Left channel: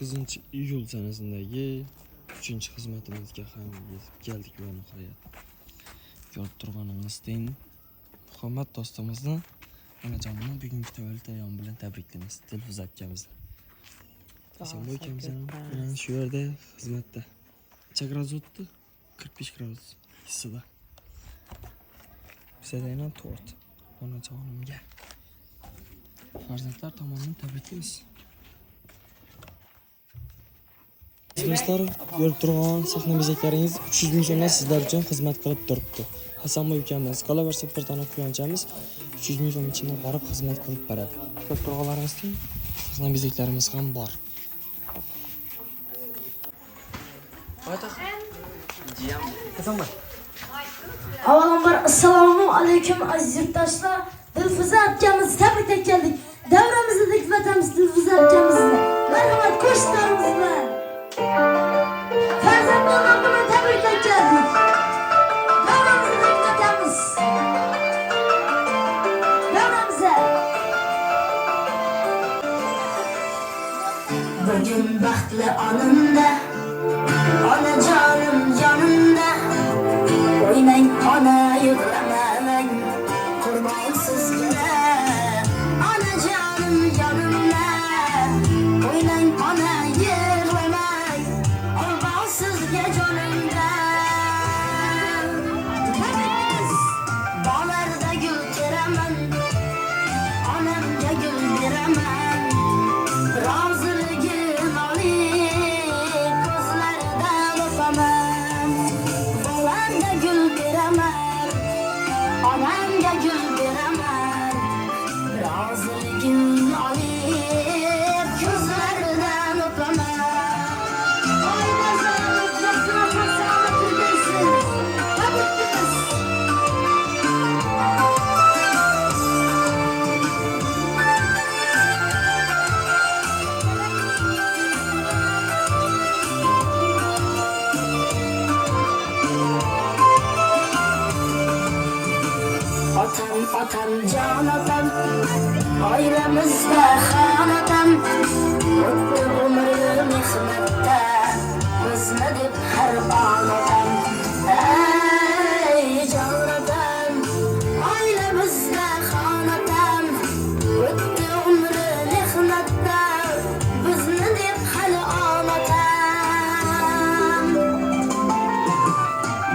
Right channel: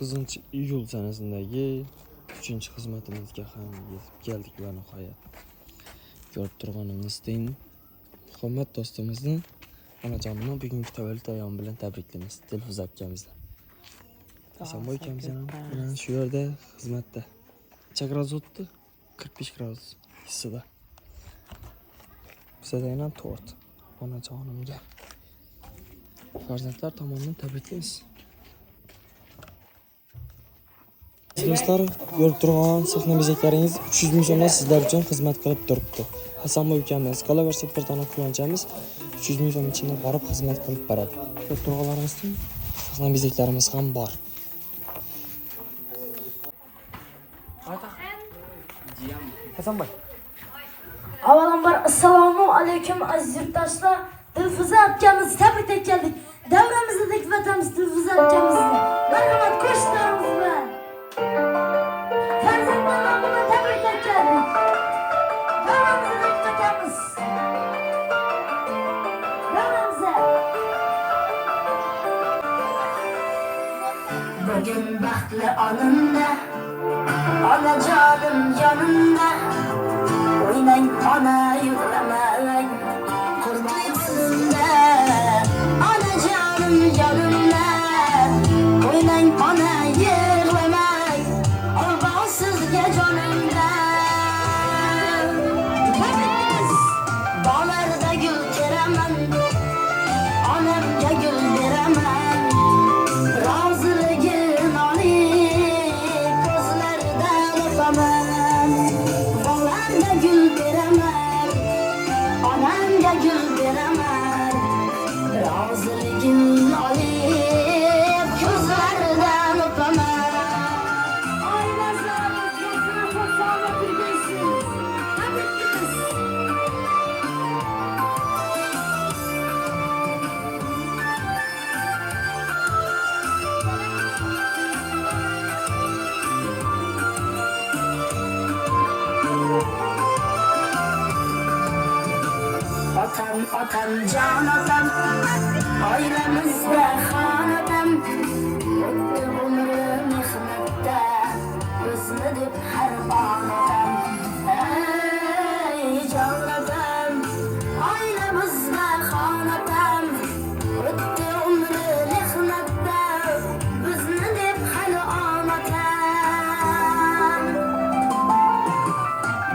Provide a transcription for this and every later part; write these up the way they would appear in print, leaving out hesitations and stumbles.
9-iyul sanasındagi 3-xizmatimizga ham yetib keldik va nihoyat. Ko'rib turganingizdek, Muhammad do'stimizni onajonini bugungi tavallud ayyomi bilan tabriklaymiz. Dilfuza akamizni. Hasanboy akamiz bilan shu yerda xizmatda. Necha gradus o'tdi? 45 gradus hissida. Bizda yana tort. Onajonimga farzandlar tomonidan tabriklaymiz. Do'stlar, ko'rib turgan sahna bezaklaringiz 300 ming so'mdan sizlar uchun xizmat qilib turibdi. Hasanboy ukamiz qolaversa bir dona quyonchamiz 300 ming so'm ichida borib xizmat qilib beradi. Ko'rib turganlaringizda sahna bezaklarimiz ham bor. Hasanboy. Avvalambor assalomu alaykum aziz yurtdoshlar. Dilfuza akamizni tabriklab keldik. Davramizda dikvatamiz Dilfuza akamizni. Marhamat qo'shnilarimiz bilan. Farzandlarimiz bilan tabriklab keldik. Davramizda dikvatamiz. Davramizda. Bugün baxtli onimda, onajonim yonimda. Oynang ona yig'lamang, qurbon sizga. Onajonim yonimda, oynang ona yig'lamang, qurbon sizga jonimda. Bog'larda gul teraman, onamga gul beraman. Roziligim olib, ko'zlaridan o'paman. Bog'larda gul beraman, onamga gul beraman. Roziligim olib, ko'zlaridan o'paman. Oy nazarimiz yasna fasana turgaysin. Tabriklaymiz. Otam, jon otam, oilamizda xonadam. O'tdi umri mehnatda, bizni deb har on otam. Ey jon otam, oilamizda xonadam. O'tdi umri mehnatda, bizni deb har on otam.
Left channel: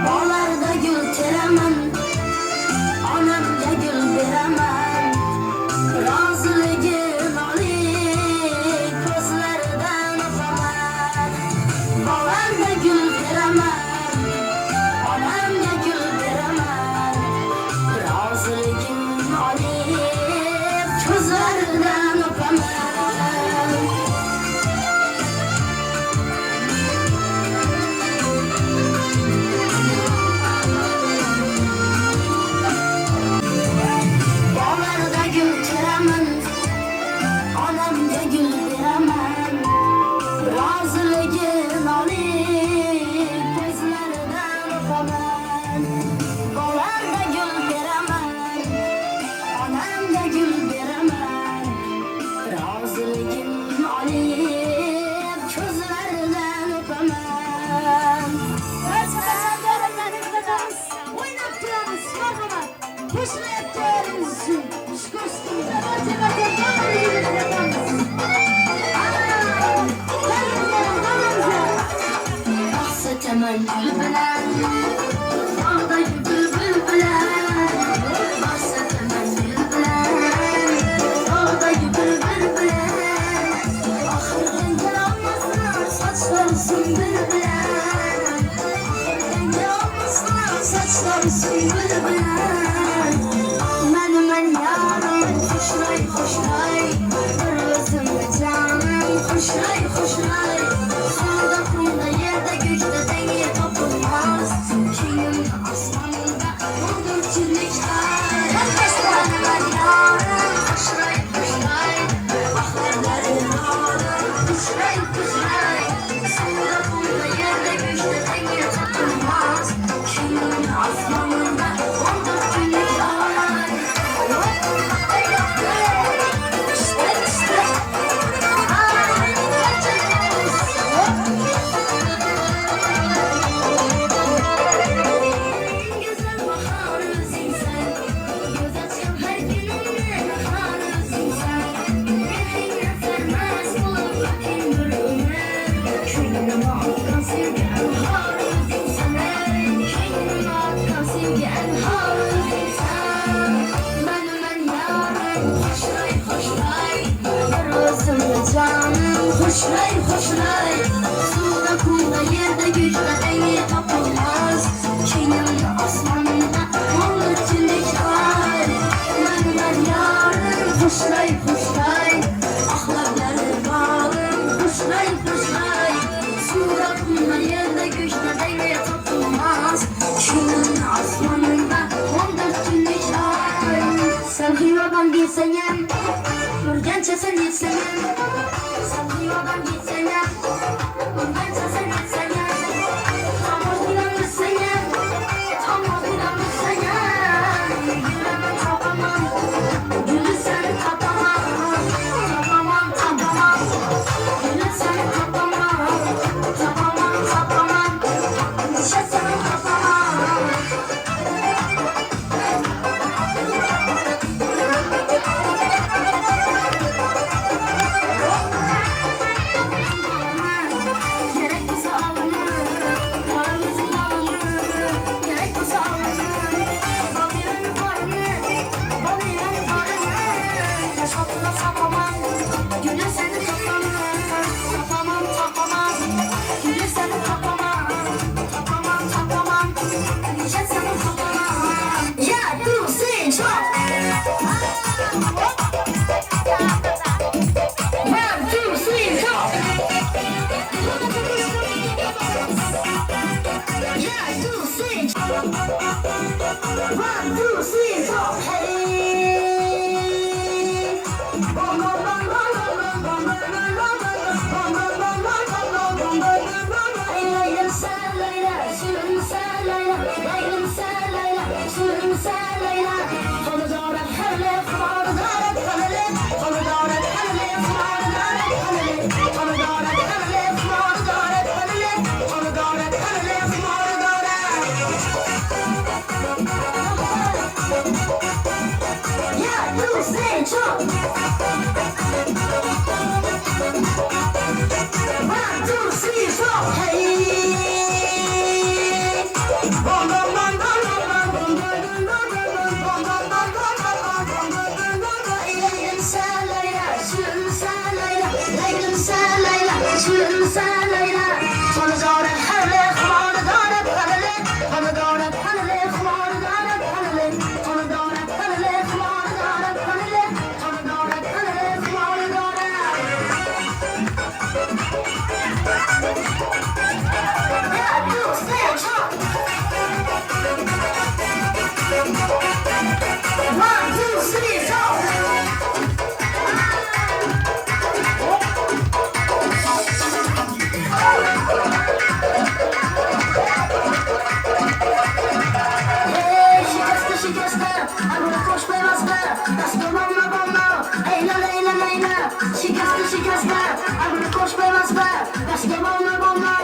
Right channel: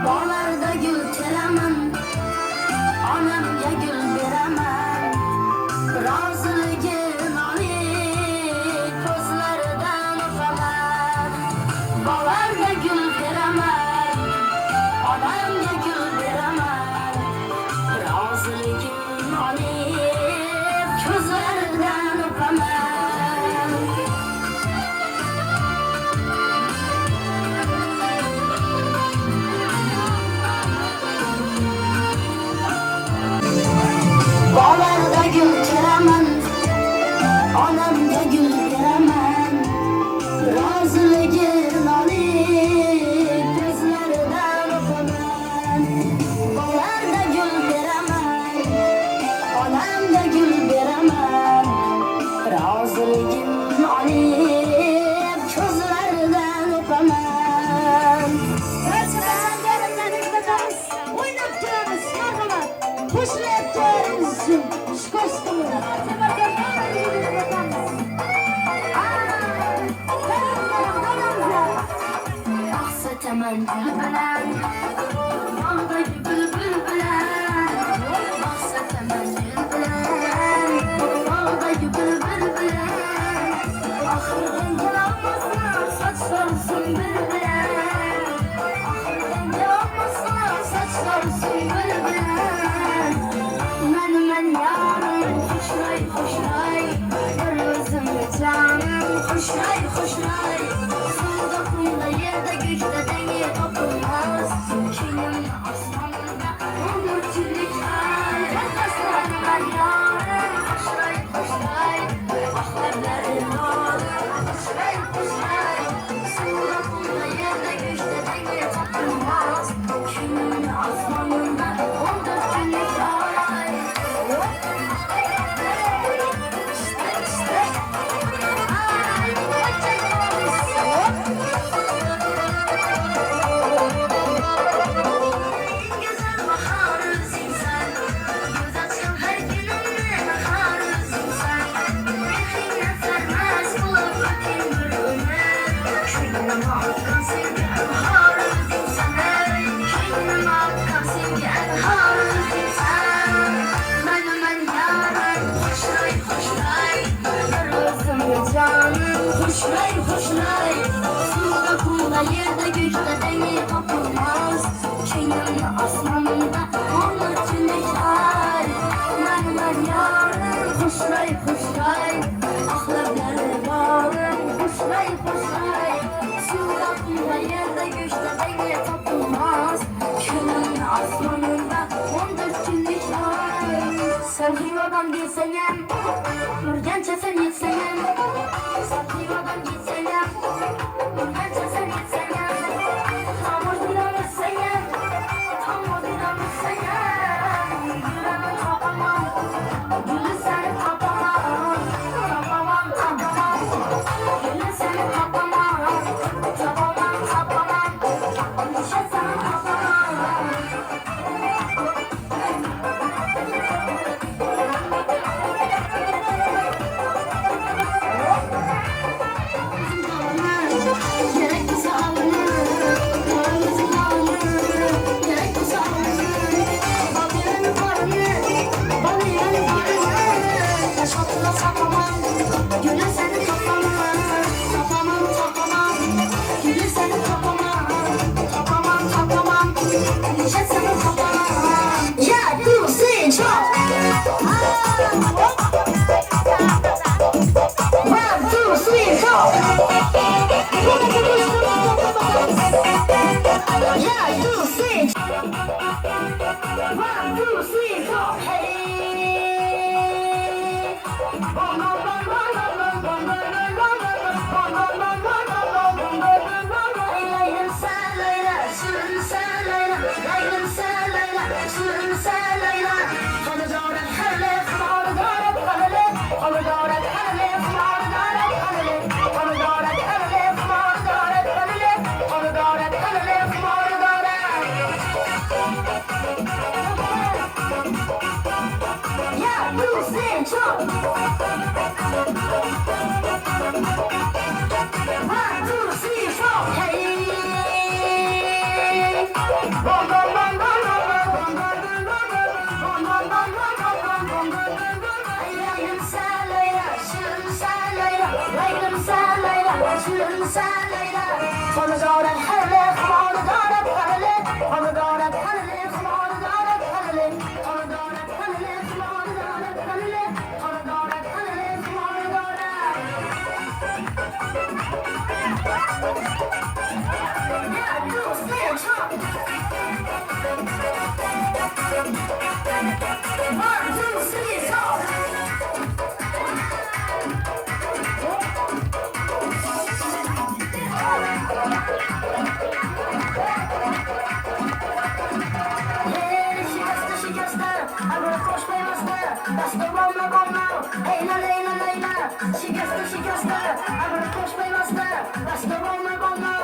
Bog'larda gul teraman, onamga gul beraman. Roziligim olib, ko'zlaridan o'paman. Bog'larda gul beraman, onamga gul beraman. Roziligim olib, ko'zlaridan o'paman. Bog'larda gul teraman, onamga gul beraman. Roziligim olib, ko'zlaridan o'paman. Bog'larda gul beraman, onamga gul beraman. Roziligim olib, ko'zlaridan o'paman. O'ynab turamiz, marhamat. Qo'shilib turamiz uchun. Sataman gul bilan, bog'dagi bulbul bilan. Sataman gul bilan, bog'dagi bulbul bilan. Oxirdan kelolmasın, sochlari singil bilan. Oxirdan kelolmasın, sochlari singil bilan. Men yarim, xushray, xushray. Bir o'zimga jonim, xushray, xushray. Suvda, qumda, yerda, ko'kda dengi topilmas. Kengim osmonda, o'ldirchilik ay. Qashqarlar yorim, xushray, xushray. Oxirlari yorim, xushray, xushray. Suvda, qumda, yerda, ko'kda dengi topilmas. Kengim osmonda, o'ldirchilik ay. Stay. hoşlay hoşlay. Suda kumda yerde güçte dengi tapılmaz. Şeyin asmanında olur çilikler. Mermer yarım hoşlay hoşlay. Ahlakları bağım hoşlay hoşlay. Suda kumda yerde güçte dengi tapılmaz. Şeyin asmanında olur çilikler. Sen hıyadan bilseyem, Nurgençe sen bilseyem. Sen hıyadan bilseyem, Nurgençe sen bilseyem. Tam adına bilseyem, tam adına bilseyem. Gülümü tapamam, gülü seni tapamam. Tapamam, tapamam, gülü seni tapamam. Tapamam, tapamam, düşe seni tapamam. Gerekirse alınır, paramızın alınır. Gerekirse alınır, balyanın parını, balyanın parını. Taş altına sapamam, gülü seni tapamam. Tapamam, tapamam, gülü seni tapamam. Tapamam, tapamam, düşe seni tapamam. Ya dur sen çok. One, two, three, go! Yeah, two, three. One, two, three, go! Hey! Leylim sen Leyla, sürüm sen Leyla. Leylim sen Leyla, sürüm sen Leyla. Onu doğrak her lef, onu doğrak her lef. Onu doğrak her lef, onu doğrak her lef. Onu doğrak her lef, onu doğrak her lef. Onu doğrak her lef, onu doğrak. Ya dur sen çok. One, two, three, four. Hey! Leylim sen Leyla, sürüm sen Leyla. Leylim sen Leyla, sürüm sen Leyla. Onu doğrak her lef, onu doğrak her lef. Onu doğrak her lef, onu doğrak her lef. Onu doğrak her lef, onu doğrak her lef. Onu doğrak her lef, onu doğrak. Ya dur sen çok. One, two, three, four. Şikeste şikeste, agora koş beyazlı. Bastır bomba bomba, eyla leyla leyla. Şikeste şikeste, agora koş beyazlı. Bastır bomba bomba,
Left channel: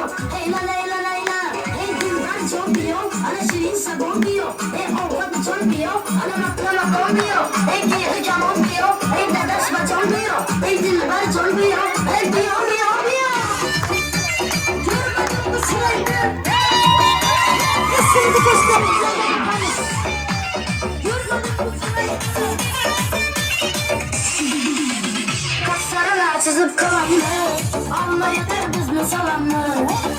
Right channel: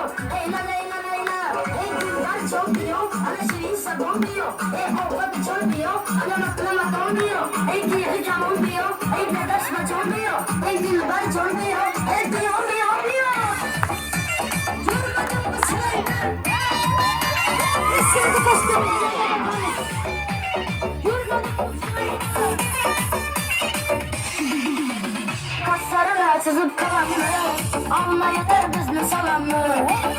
eyla leyla leyla. Ey dilber çok diyor, ana şirinse bombiyor. Ey ovada çok diyor, ana maklama bombiyor. Ey giyri kamon diyor, ey dedeşme çok diyor. Ey dilber çok diyor, ey diyor diyor diyor. Yürümedim bu sırayla. Şimdi göstereceğim. Kaslarına çizip kalanlar, Allah yeter bizne salanlar.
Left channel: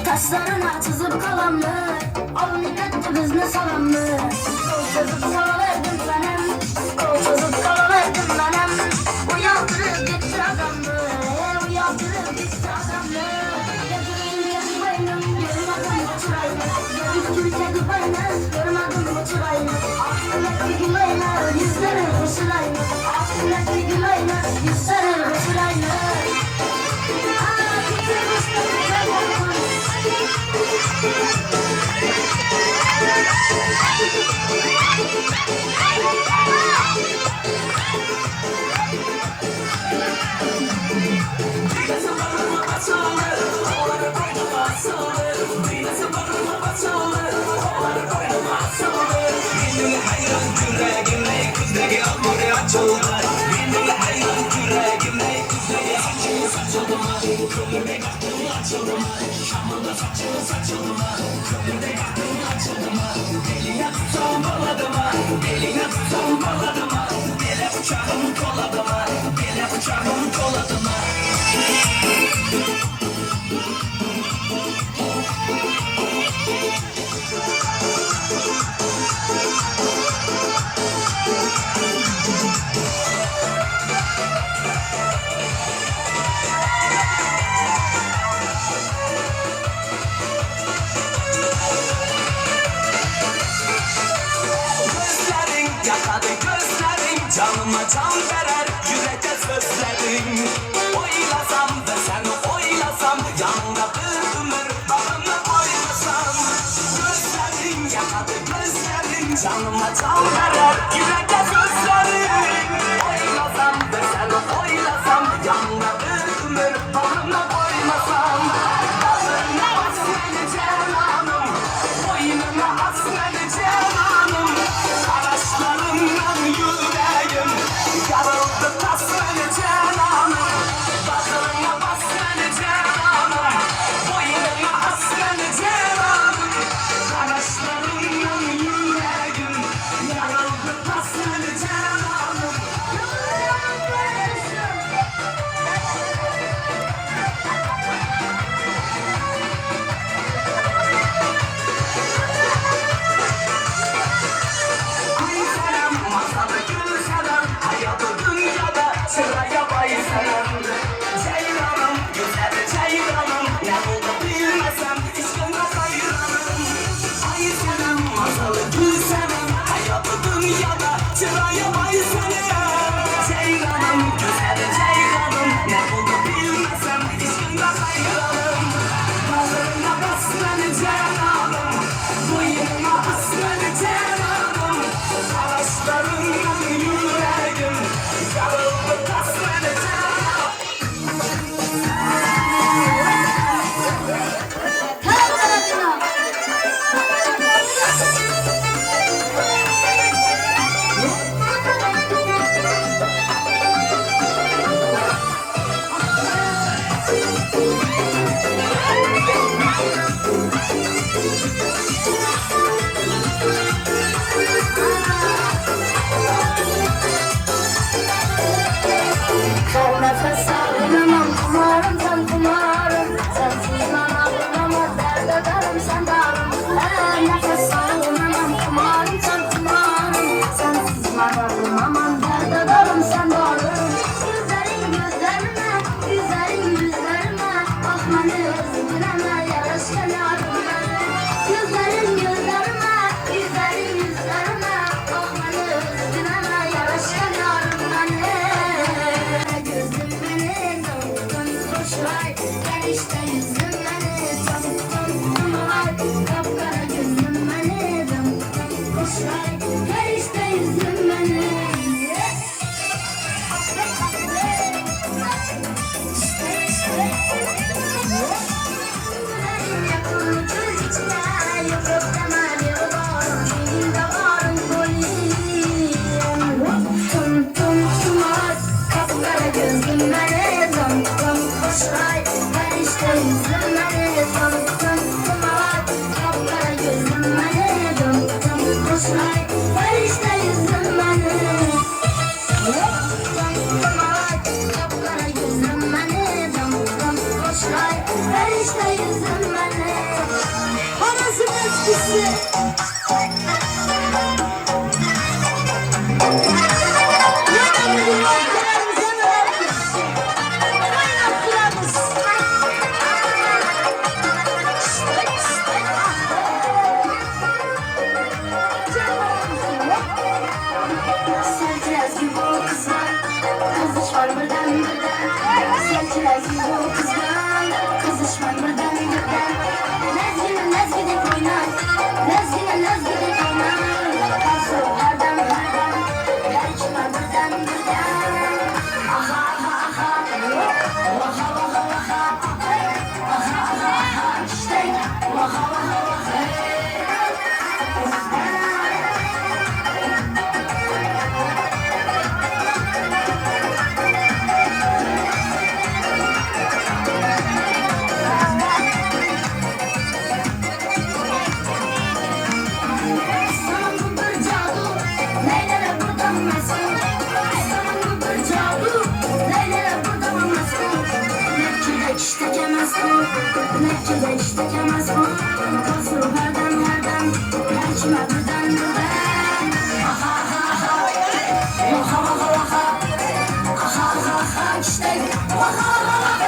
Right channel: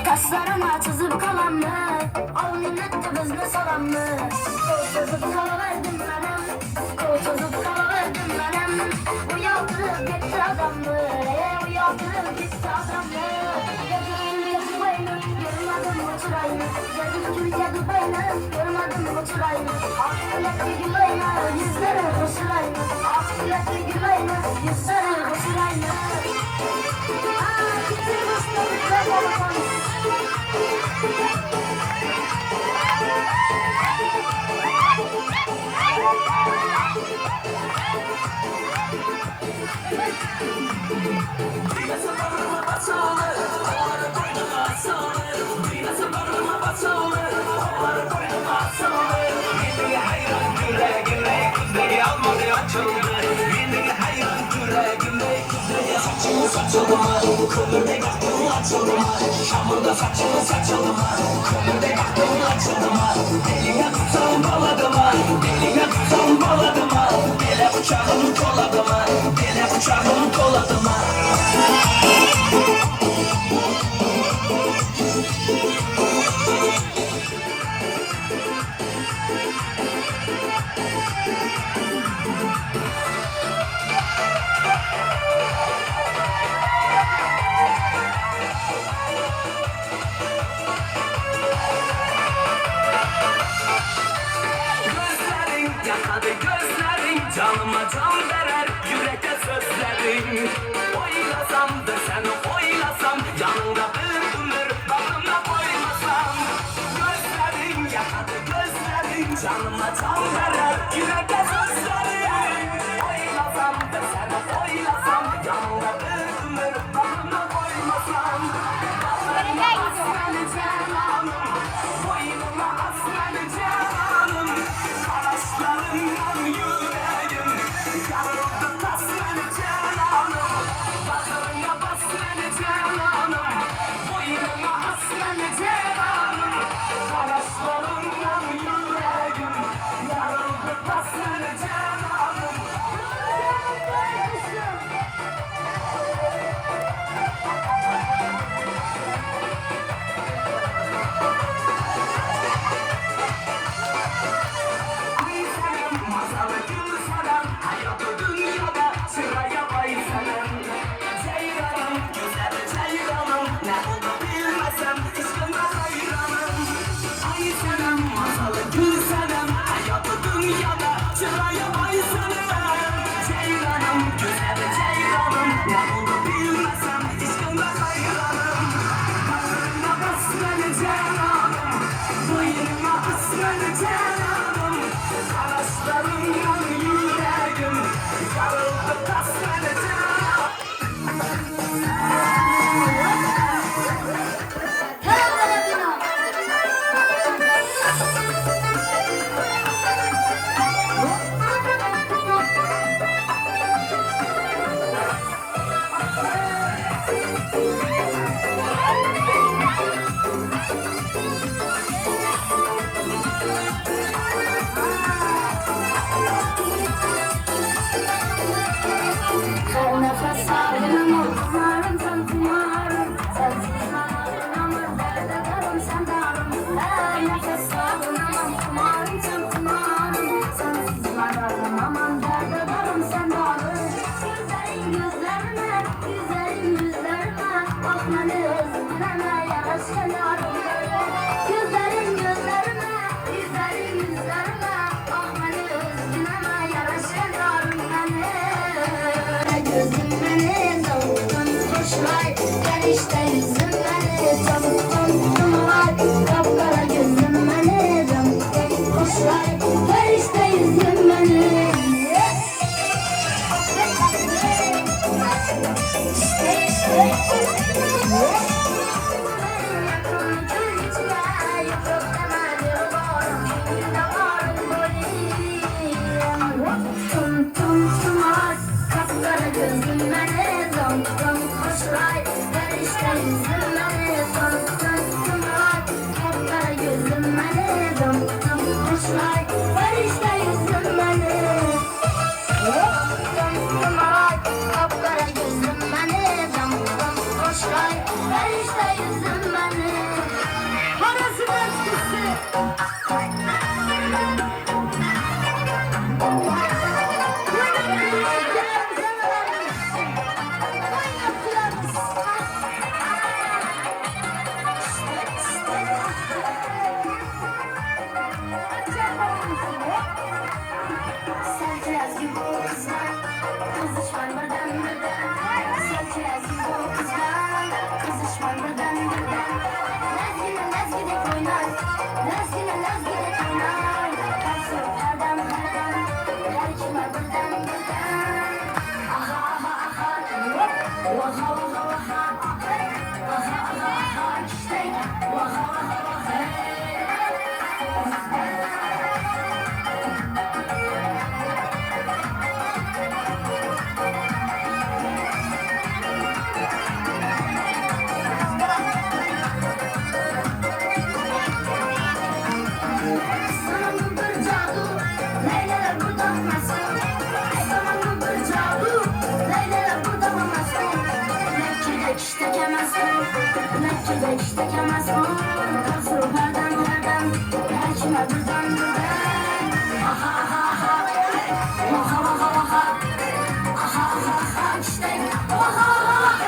Kaslarına çizip kalanlar, al millet de bizne salanlar. Kol çizip kalıverdim benim, kol çizip kalıverdim benim. Uyandırıp gitti adamlar, uyandırıp gitti adamlar. Görmedim bu çırayını, aklımdaki gülayını, yüzleri hoşlayını, aklımdaki gülayını, yüzleri hoşlayını. Bıçağım koladıma, gele bıçağım koladıma. can verer yüreğe sözlerin. Oylasam da sen oylasam, yanına bir ömür bağrına koymasam. Gözlerin yakadı gözlerin, canıma can verer yüreğe sözlerin. Oylasam da sen oylasam, yanına bir ömür bağrına koymasam. Bağrına asmalı cananım, boynuna asmalı cananım. Araçlarından yüreğim yarıldı tasmalı cananım. Bağrına basmalı cananım, boynuna asmalı cananım. Araçlarından yüreğim yarıldı tasmalı cananım. Ay selam, masalı gül selam, hayatı dünyada sıraya bay selam. Ceylanım, güzel ceylanım, ne oldu bilmesem, işkına hayranım. Ay selam, masalı gül selam, hayatı dünyada sıraya bay selam. Ceylanım, güzel ceylanım, ne oldu bilmesem, işkına hayranım. Bağrına basmalı cananım, boynuma asmalı cananım. Araçlarından yüreğim yarıldı tasmalı cananım. Her nefes alınamam, kumarım sen kumarım. Sensiz bana bulamaz, derde darım sen darım. Her nefes alınamam, kumarım sen kumarım. Sensiz bana bulamam, derde darım sen darım. Güzelim gözlerine, güzelim yüzlerine, bakmanı özgüreme, yaraşken yarım. Güzelim gözlerime, güzelim yüzlerime, bakmanı özgüreme, yaraşken yarım. Gözüm beni tavuktan koşar, gel işte yüzüm beni tavuktan kumar. Kapkara gözüm beni tavuktan koşar, gel işte yüzüm beni. Yakın göz içine, yok yok demeli var, içinde varım koyayım. Tum tum tumar, kapkara gözüm beni tam tam koşar. Ver işte yüzüm beni tam tam tumar, kapkara gözüm beni tam tam koşar. Ver işte yüzüm beni. Tumar, kapkara gözüm beni tam tam koşar. Ver işte yüzüm beni. Parası etkisi. Sen kiraz gibi o kızlar, kızışman birden birden. Sen kiraz gibi o kızlar, kızışman birden birden. Nezgine nezgine oynar, nezgine nezgine oynar. Kalsın herden herden, her içime birden birden. Aha aha aha, vaha vaha vaha, aha aha aha, işte vaha vaha vaha. Sana bu bir cadu, neylere buradan masum. Sana bu bir cadu, neylere buradan masum. Nepçede işte kemezsin, nepçede işte kemezsin. Kasır herden herden, perçime birden birden. Aha aha aha, vaha vaha vaha. Aha aha aha, işte vaha vaha vaha.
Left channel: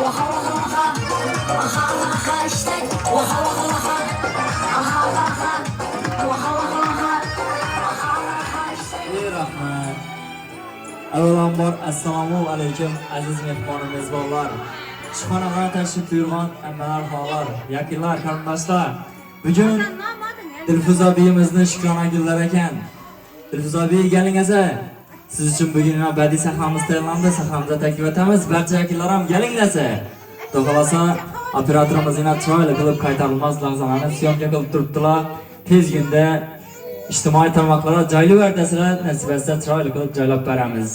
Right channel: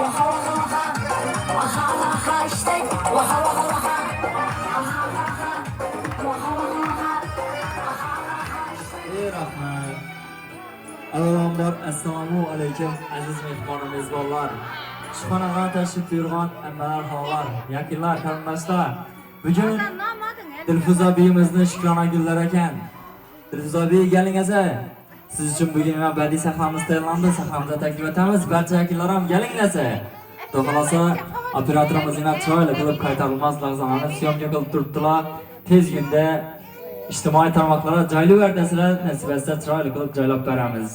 Vaha vaha vaha. Vaha vaha işte. Vaha vaha vaha. Vaha vaha. Vaha vaha vaha. Rahmat. Avvalambor assalomu alaykum aziz mehmon mezbonlar. Ishxonaga tashrif buyurgan ammalar, xonlar, yakınlar, qarindoshlar. Bugun Dilfuza beyimizni shukrona gullar ekan. Dilfuza bey gelingizlar. Siz uchun bugun badiiy sahnamiz tayyorlandi. Sahnamizni taklif etamiz. Barcha yakınlar ham gelingizlar. Xohlasa operatorimiz yana chiroyli qilib qaytarilmas lahzalarni syomka qilib turibdilar. Tezgina ijtimoiy tarmoqlarga joylayverasizlar, nasib etsa chiroyli qilib joylab beramiz.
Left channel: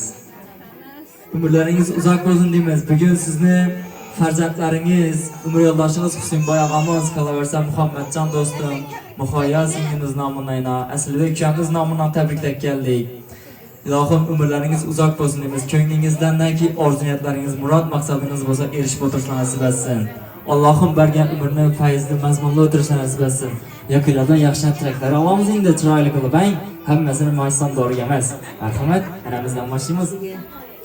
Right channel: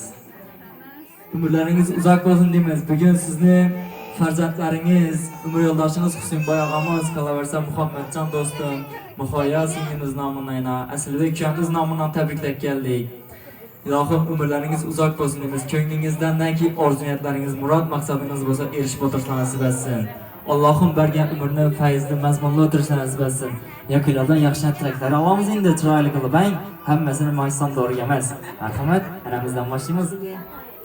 Umrlaringiz uzoq bo'lsin deymiz. Bugun sizni farzandlaringiz, umr yo'ldoshingiz Husaynboy og'amiz, qolaversa Muhammadjon do'stim, Muhoya singlimiz nomidan, Aslibek ukamiz nomidan tabriklab keldik. Ilohim umrlaringiz uzoq bo'lsin deymiz. Ko'nglingizdanki orzu-niyatlaringiz, murod maqsadingiz bo'lsa erishib o'tirishni nasib etsin. Allohim bergan umrni fayzli, mazmunli o'tirishni nasib etsin. Yakınlardan yaxshi tilaklar olamiz endi chiroyli qilib, hammasini mayson doğru emas. Marhamat, aramizdan boshlaymiz.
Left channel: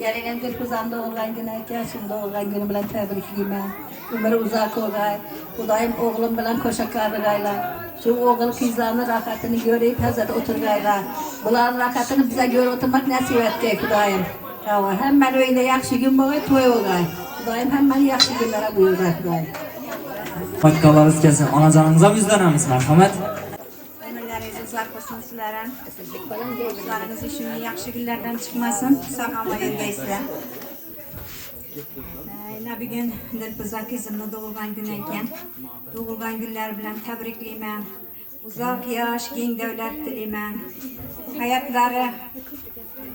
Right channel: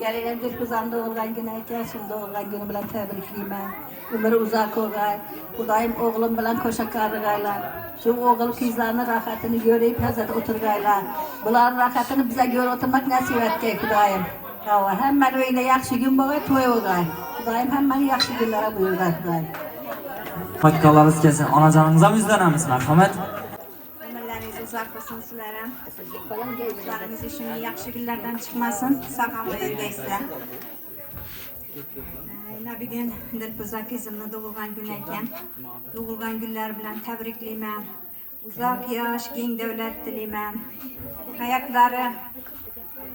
Gelinen Dilfuzam doğurgan günü ekan, şimdi doğurgan günü bilen tebrikliyim. Ömrü uzak olay. Kudayım oğlum bilen koşakarlıgayla. Şu oğul kızlarının rahatını görüp hazırda oturgayla. Buların rahatını bize göre oturmak nasip etkey Kudayım. Hemen öyle yaxşı gün boğay, toy olay. Kudayım hemen yaxşı günlere buyurgay Kudayım. Fatikalarınız kelsin, anacanınıza mı yüzlenemiz? Merhamet. Ömürleriniz uzak olsun sizlere. Kızlarınız için yaxşı günlerden çıkmasın. Sağlamayın geysizler. Bir gün Dilfuza kızımın doğulgan günü eken. Doğulgan günler bilen tebrikliyim. Uzak yaş, keng devlet diliyim. Hayatları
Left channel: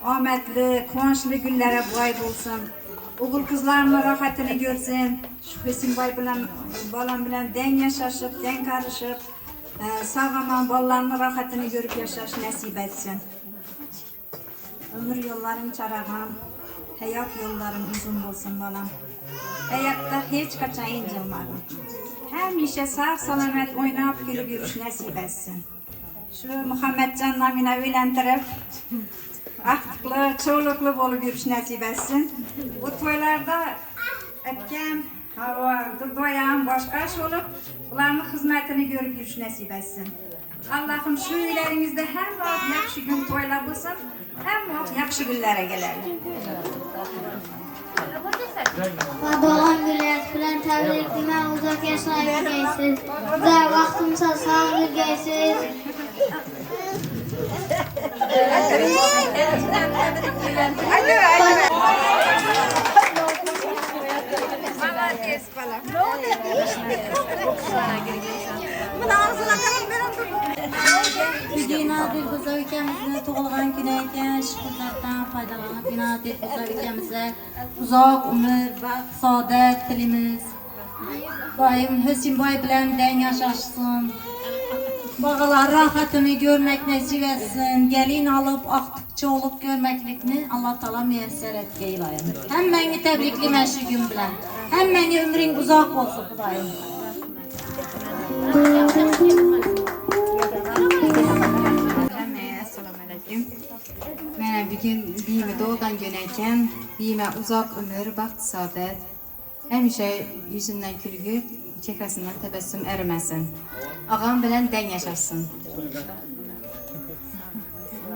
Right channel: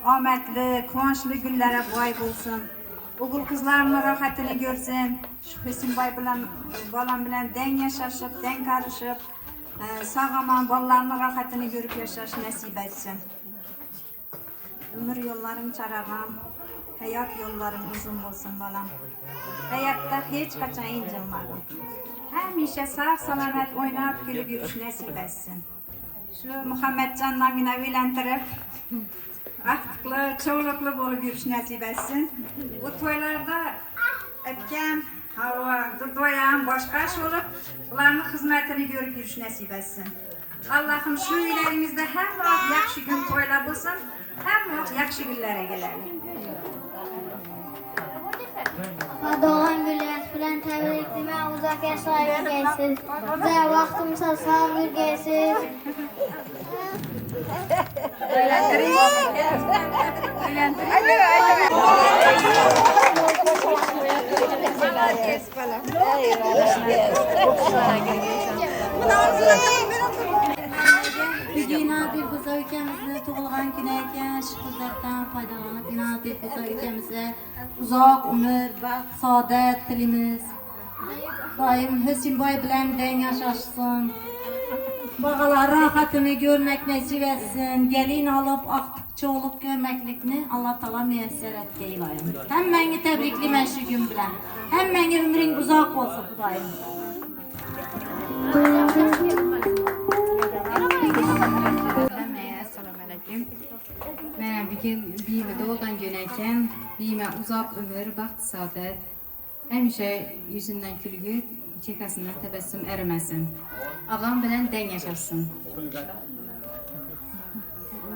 ahmetli, kuvonçlu günlere boy bulsun. Oğul kızlarının rahatını görsün. Şu Husaynboy bilen, balam bilen den yaşaşıp, den karışıp, sağlaman ballarının rahatını görüp yaşaş nasip etsin. Ömür yolların çarağım, hayat yolların uzun olsun balam. Hayatta hiç kaçan incilmadım. Hemşe sağ salamet oynayıp gülüp yürüş nasip etsin. Şu Muhammedcan namına evlendirip, aktıklı, çoğuluklu bolup yürüş nasip etsin. Bu toylarda etken, doyan, başka iş olup, bunların hizmetini görüp yürüş nasip etsin. Allah'ım şu ilerimizde hem vaxt yaxşı gün toylar olsun, hem vaxt yaxşı günlere gelelim. Doğan güller filan tebrikime uzak yaşlara gideceğiz. Güzel vaxtımsa sağlık gideceğiz. Bugün Dilfuza ülkemizde doğulgan günü eken, şu fırsattan faydalanıp yine Dilfuza ülkemize uzak ömür, baxt, saadet dilimiz. Daim Husaynboy bilen den yaşaşsın. Bağlar rahatını görmek nasip etsin. Gelin alıp aktıkça olup görmeklikni Allah Taala müyesser etkeyleyin. Hemmeni tebrikliyim şu gün bilen. Hemmeni ömrün uzak olsun Kudayım. Assalamu alaykum. Mene bugün biyime doğgan gün eken, biyime uzak ömür, baxt, saadet. Hemşe yüzünden külgü, çekasından tebessüm erimesin. Ağam bilen den yaşasın.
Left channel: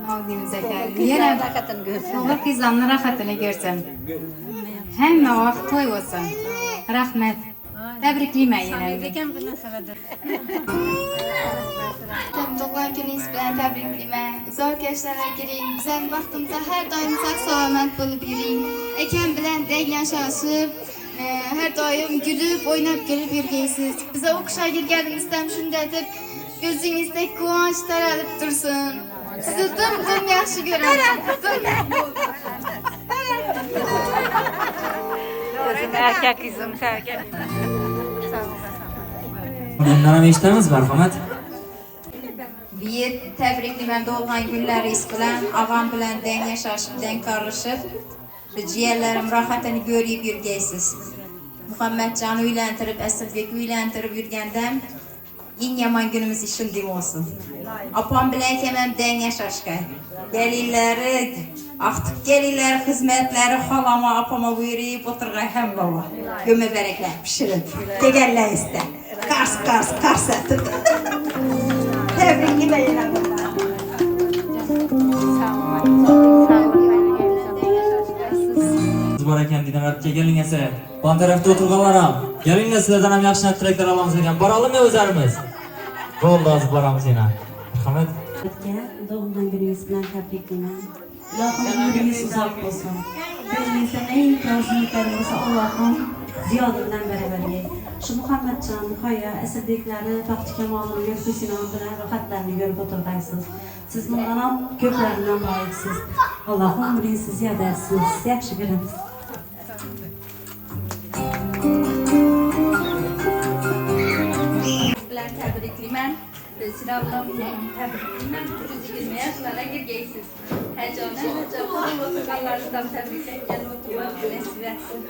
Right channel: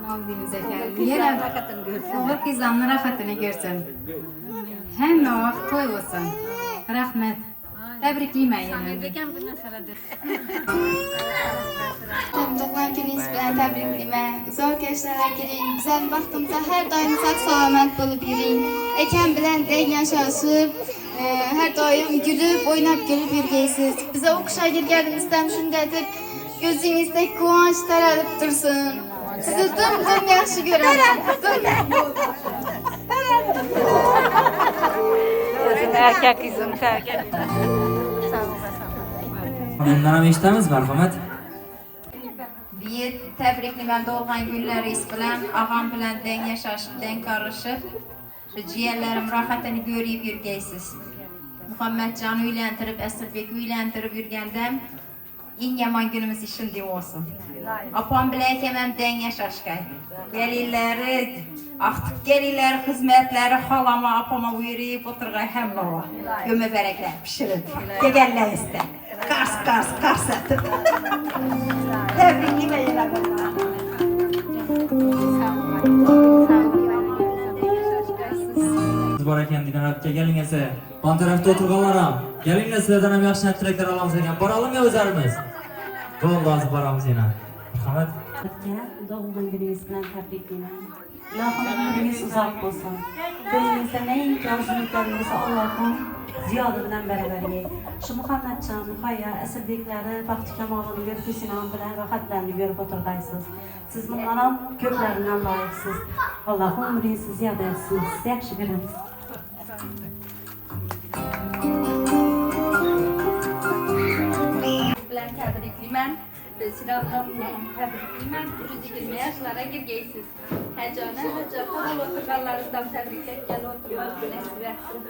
Navdimiz efendim. Yine oğul kızlarının rahatını görsün. Hem vaxt toy olsun. Rahmet. Tebrikliyim yine. Doğan gününüz bilen tebriklime. Uzak yaşlara girin. Güzel vaxtımıza her daim sağ salamet bulup yürüyün. Eken bilen den yaşasın. Her daim gülüp, oynap gülüp yürüyesiz. Bize okuşa girgenimizden şundadır. Gözünüzde kıvanç taralıp dursun. Sizi dım yaxşı görürüm. Erkek kızım, erkek. Dinlenem iştemiz merhamet. Bir tebriklime doğgan günleriz bilen, ağam bilen den yaşaşıp, den karışıp, ciğerlerim rahatını görüp yürüyesiz. Muhammedcan'ı uylantirip, Aslibek'i uylantirip yürüyendem, en yaman günümüz işindim olsun. Apam bilen kemem den yaşaşkay. Gelirleri, artık gelirler hizmetleri halama apama buyuruyup oturgay hem baba. Göme berekler pişirip. Tegeller iste. Kars ettim. Tebrikli beyler baba. Bor ekan degan rapga keling esa. Bon tarafda o'tirganlar ham. Kelinglar sizlardan ham yaxshi tilaklar olamiz ekan. Boralimi o'zlarimiz? Bo'ldi, hozir boramiz yana. Marhamat. Doğumdan gününüz bilen tebriklayman. Allah'ım ömrünüz uzak olsun. Gönlünüzde ne imkansızlıkları olsa Allah'ım ziyadından beraberliği. Şu Muhammedcan, Muhayya, esirlikleri, Bakti Kemal'ın gökyüzünü andıran rahatlarını görüp oturdaysınız. Siz bunlara köklerinden layıksınız. Allah'ım ömrünüzü ziyade etsin. Siz yakşı biriniz. Bilen tebriklimen. Sinavdan tebriklimen. 120 yaşlara girgeysiz. Hecane hocam oturganlarından tebriklerken oturmak nasip etsin.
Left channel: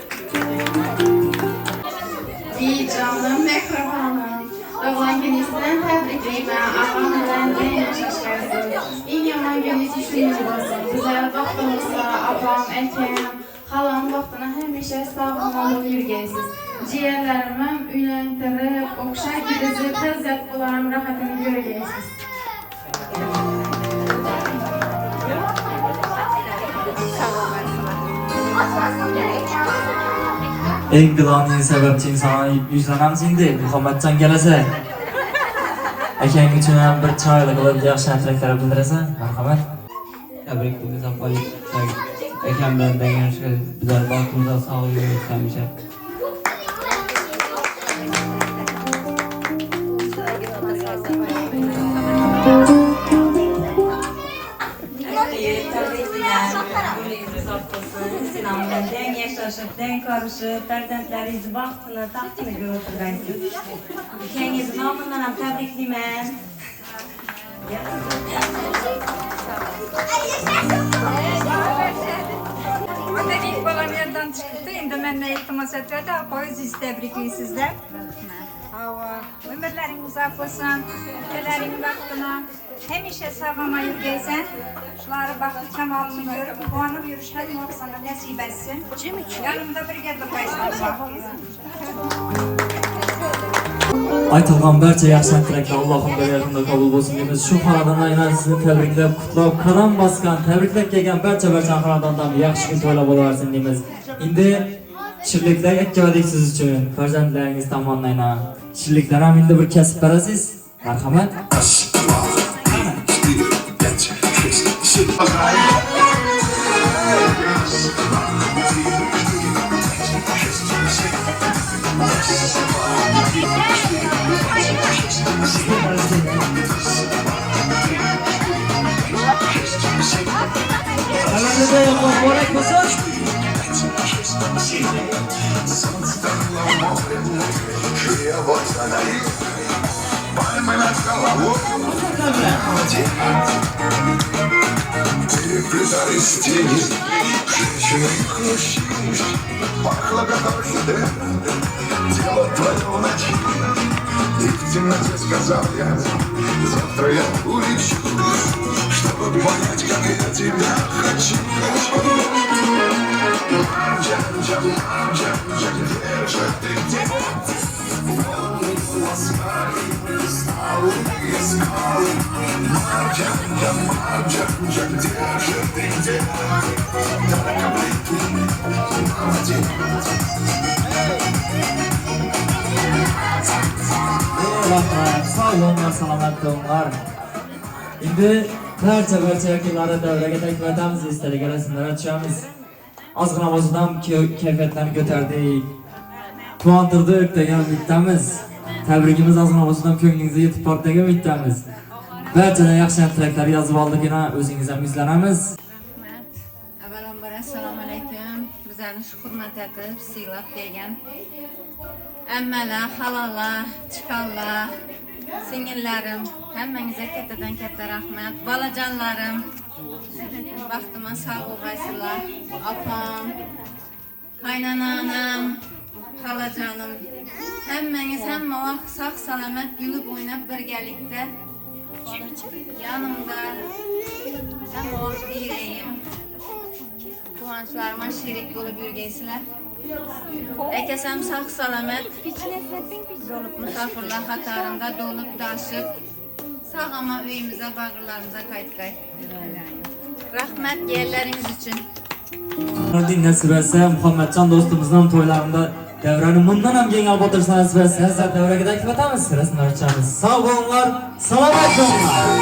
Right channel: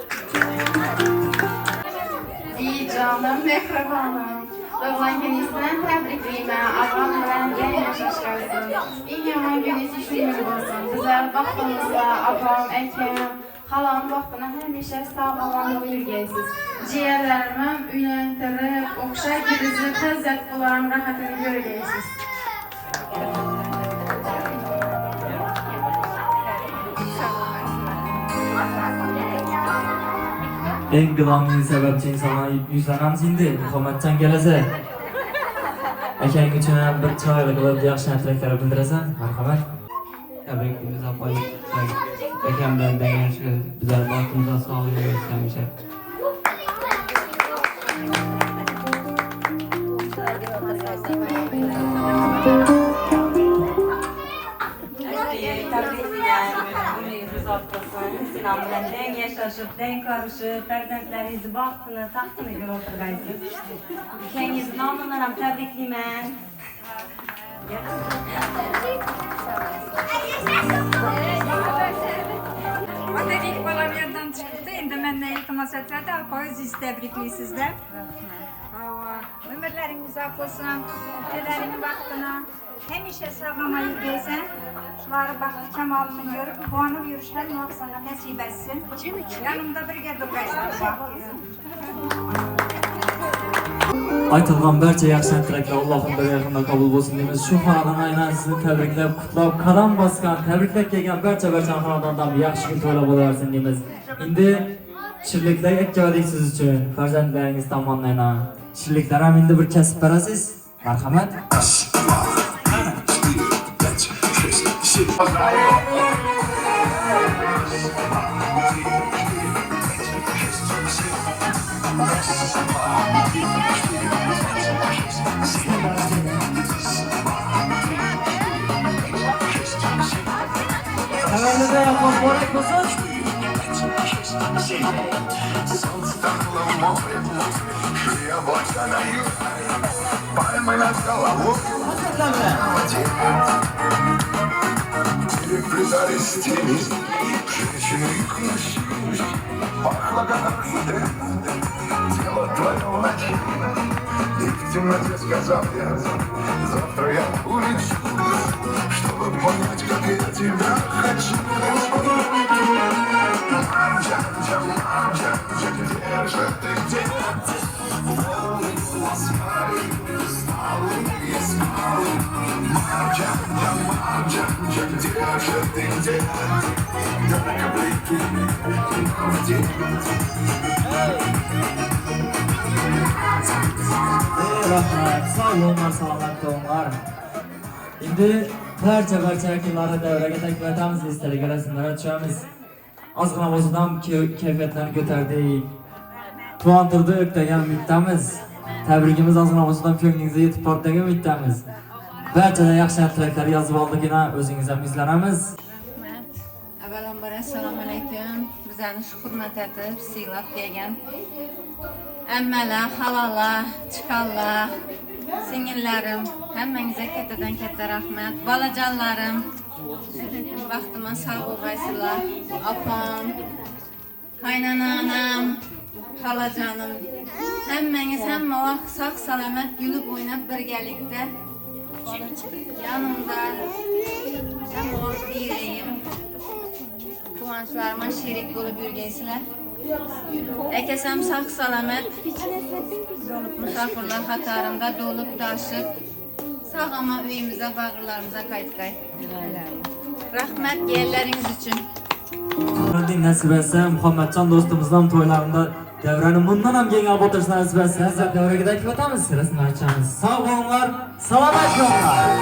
İyi canım, mikrofonum. Doğan gününüzden tebriklimen. Ablam bilen de yaşaşkarsın. İyi yaman gününüz düşünür olsun. Güzel vaxtımızda ablam, ekem, halam vaxtına həmişə sağlamlı yürgəysiz. Ciyərlərimə üyləndirib, oxşay gibizi təzzət bularım rahatını görgəysiz. Eng g'ilonli sababchi insonga yuzlanamiz endi. Muhammadjon kelasa. Akang uchun ham bir chiroyli qilib yaxshi tilaklar bildirasan. Marhamat. Tabrikimiz apoy. Akam bilan birga bizlar baxtimizda sog'lik bo'lsin hamisha. Den yaşaşıp, den karışıp, farzandlaringizni baxtini, taxtini ko'rib o'tirgaysiz. Ukangizni nomidan ham tabriklayman. Otel ilk balam yerden çıktı. Endi benimle iltimas etmedi. Apoy siz tebrikliysizler. Ömürlerin uzak olsun. Ülkelerin vaktine. Hemişe sağlama yürüysen. Şuları baktı Kemal'ını görüp puanı yürüyüş her muhsana nasip etsin. Yanımda birge durmaysan. Aytılgan barcha yaxshi tilaklar Allohim berganidan qabul bo'lsin deymiz. Shu xonadon aynan sizni tabriklab, qutlab, qadam bosgan, tabriklab kelgan barcha xonadondan yaxshi kun to'la bo'laversin deymiz. Endi shirliklar aytgadik siz uchun farzandlaringiz tomonidan. Shirliklar ham endi bir kasb berasiz. Marhamat. Сказал я, завтра я улечу, чтобы понять, как я тебя хочу. Где же ты, где? Волны смари, сталы и скалы. Марджа, где же ты, где? Только блики, молодец. Rahmat, sağ olun, salomat bo'linglar. Endi barcha vakillari davraga taklif etamiz, istalgan rasmlarga tushamiz. Ozgina o'zidan kayfiyatlarni ko'tardik. Quvontirdik degan umiddamiz. Tabrikimiz ozgina o'zidan ko'nglingizga yetib bordi degan umiddamiz. Barchadan yaxshi tilaklar yozib oldikina o'zingiz ham yuzlanamiz. Avvalambor assalomu alaykum. Bizlarni shu hurmat etib, siylab kelgan ammalar, halolar, chiqanlar, singillarim, hammangizga kattadan katta rahmat. Bolajonlarim, baxtimga sog' bo'lgaysizlar. Opam, qaynonam, xolajonim, hammangiz hamma vaqt sog' salomat yulib o'ynab birgalikda yanımda hem o direyim. Kıvançlarıma şerik bolup yürgeysizler. Ekesem sağ salamet, misafirler hatarında dolup taşıp, sağ ama üyümüze, bağırlarımıza kayıtkay. Rahmet yerleriniz için. Nasip etse Muhammedcan dostumuzdan toylarında devranı bundan hem genel batırsa nasip etse size devreye takip edemiz. Sırasını açacağımız. Sağ olunlar, salamat olunlar.